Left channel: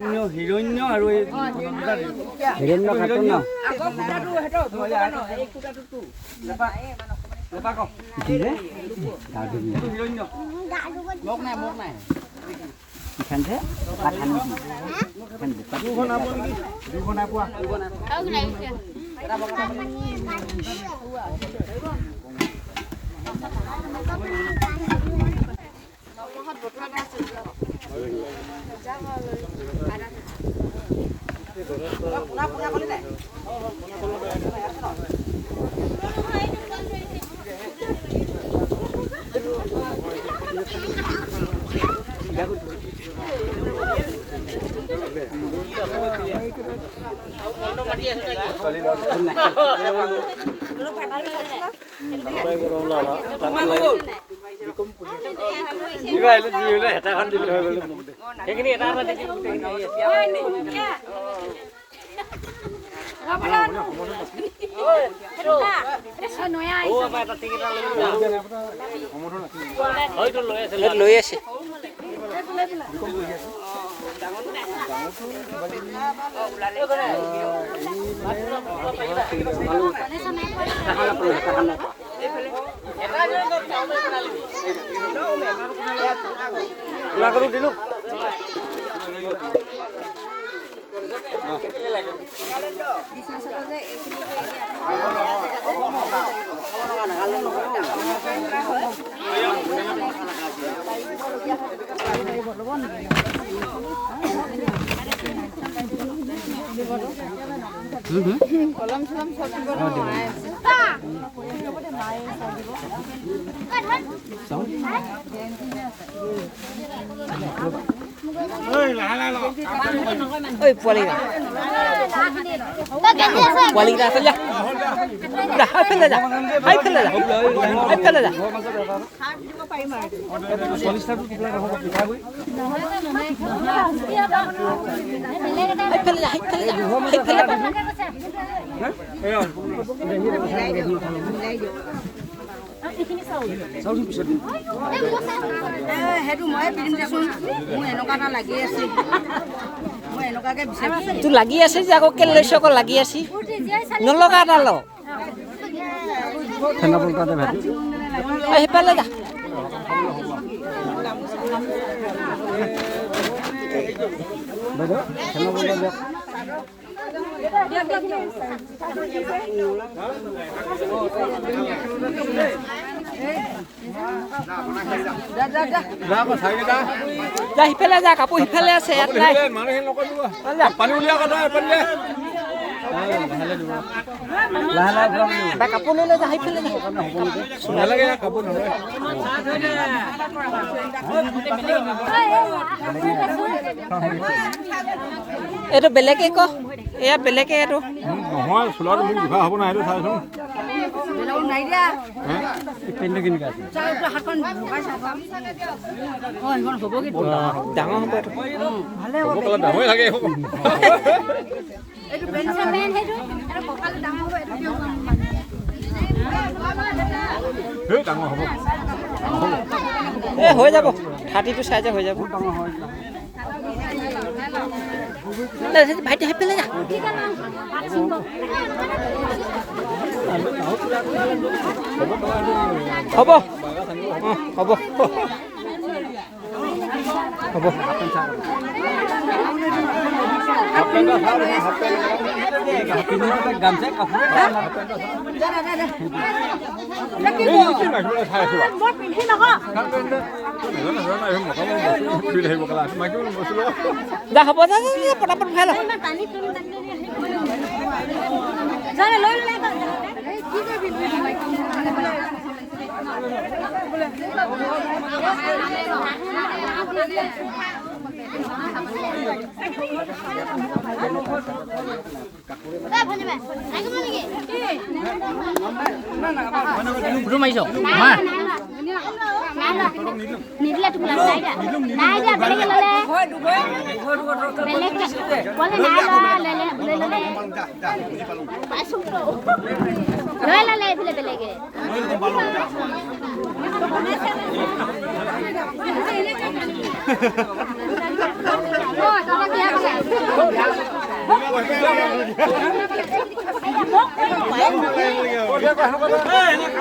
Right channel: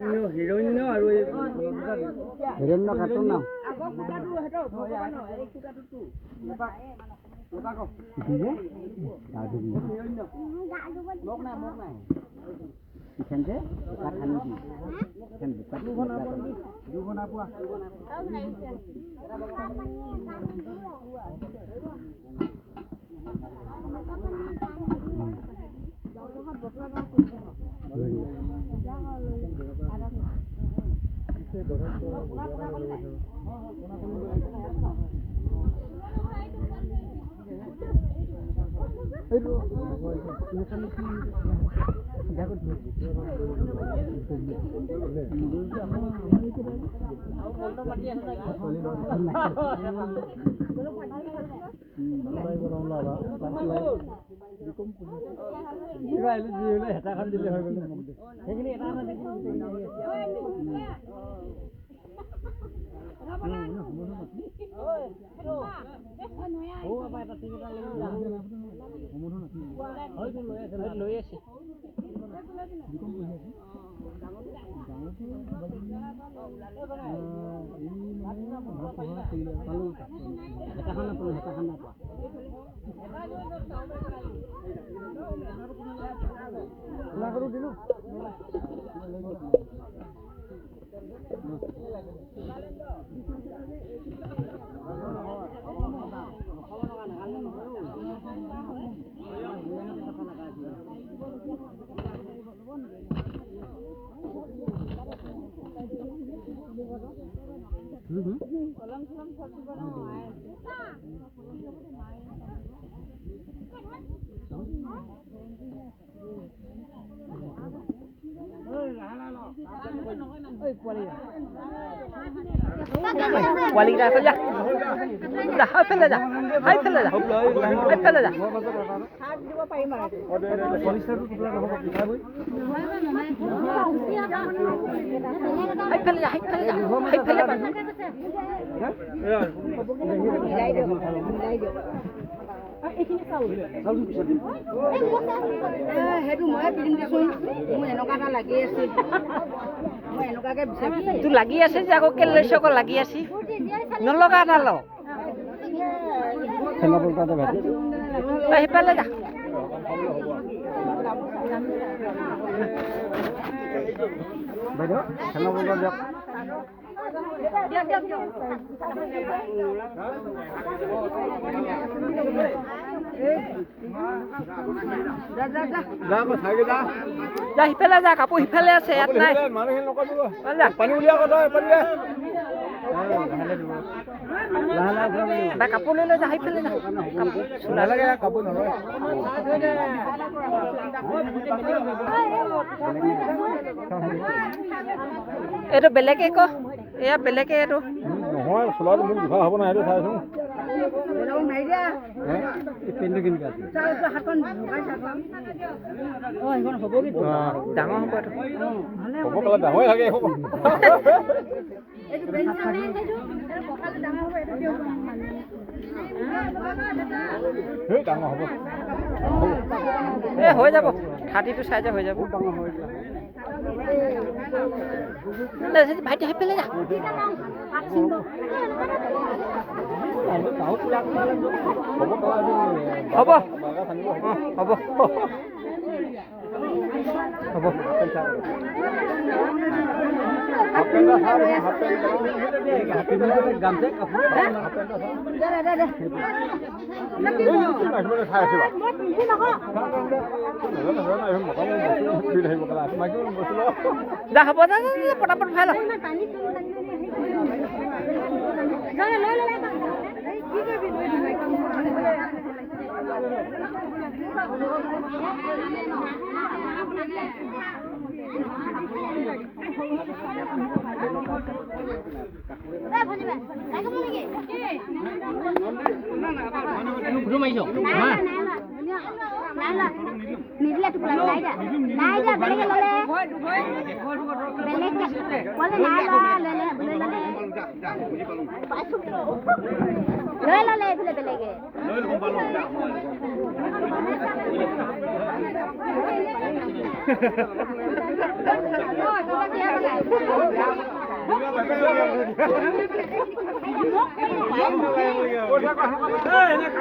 হিৰণ্য আৰু এই হিৰণ্য খাতন ন লৈ আছে কলম চলম সব দিব পোৱালিকেইটা আছে যা ফেলে যা ফেলে যা ফেলে যা তোৰ লাগি আছে যে আকৌ কেলে লৈছ আকৌ লাগি আছি নলগা নাল সেইফালে যা সিফালে যা কাপোৰ সিফালে আছে কাপোৰ লৈ লৈ যা সিফালে এইটো বেলেগে ক এয়া বেলেগে এইটো নহয় চোলাটো মোক দিবা হ'ব না সেইটো চাইছোন নাই দিয়া পিন্ডি কিনি আছে চাউটো হাতখন ভগাই চাবা এখন হ'ব কি ডাঙৰ হ'ব এইটো ভালে হ'ব কলা ডাঙৰ থাকে হ'ব এইটো বেনচামেন হেটো ককাল ডাঙৰ হ'ব এইটো কিয় মানে হে ডাঙৰ হ'ব এ হৈ যাব 32 সাইজে হৈ যাব ভাইটি হেপেলে যা হ'ব হ'ব হ'ব যা হ'ব যা পটাপট ভাই নিদিলে টুকুলা নাই দিয়া বেলেগে ললে বেলেগে বলে নাই ললে লৈ ললে এইফালে বেলেগে Hãy subscribe cho kênh Ghiền Mì Gõ để không bỏ lỡ những video hấp dẫn.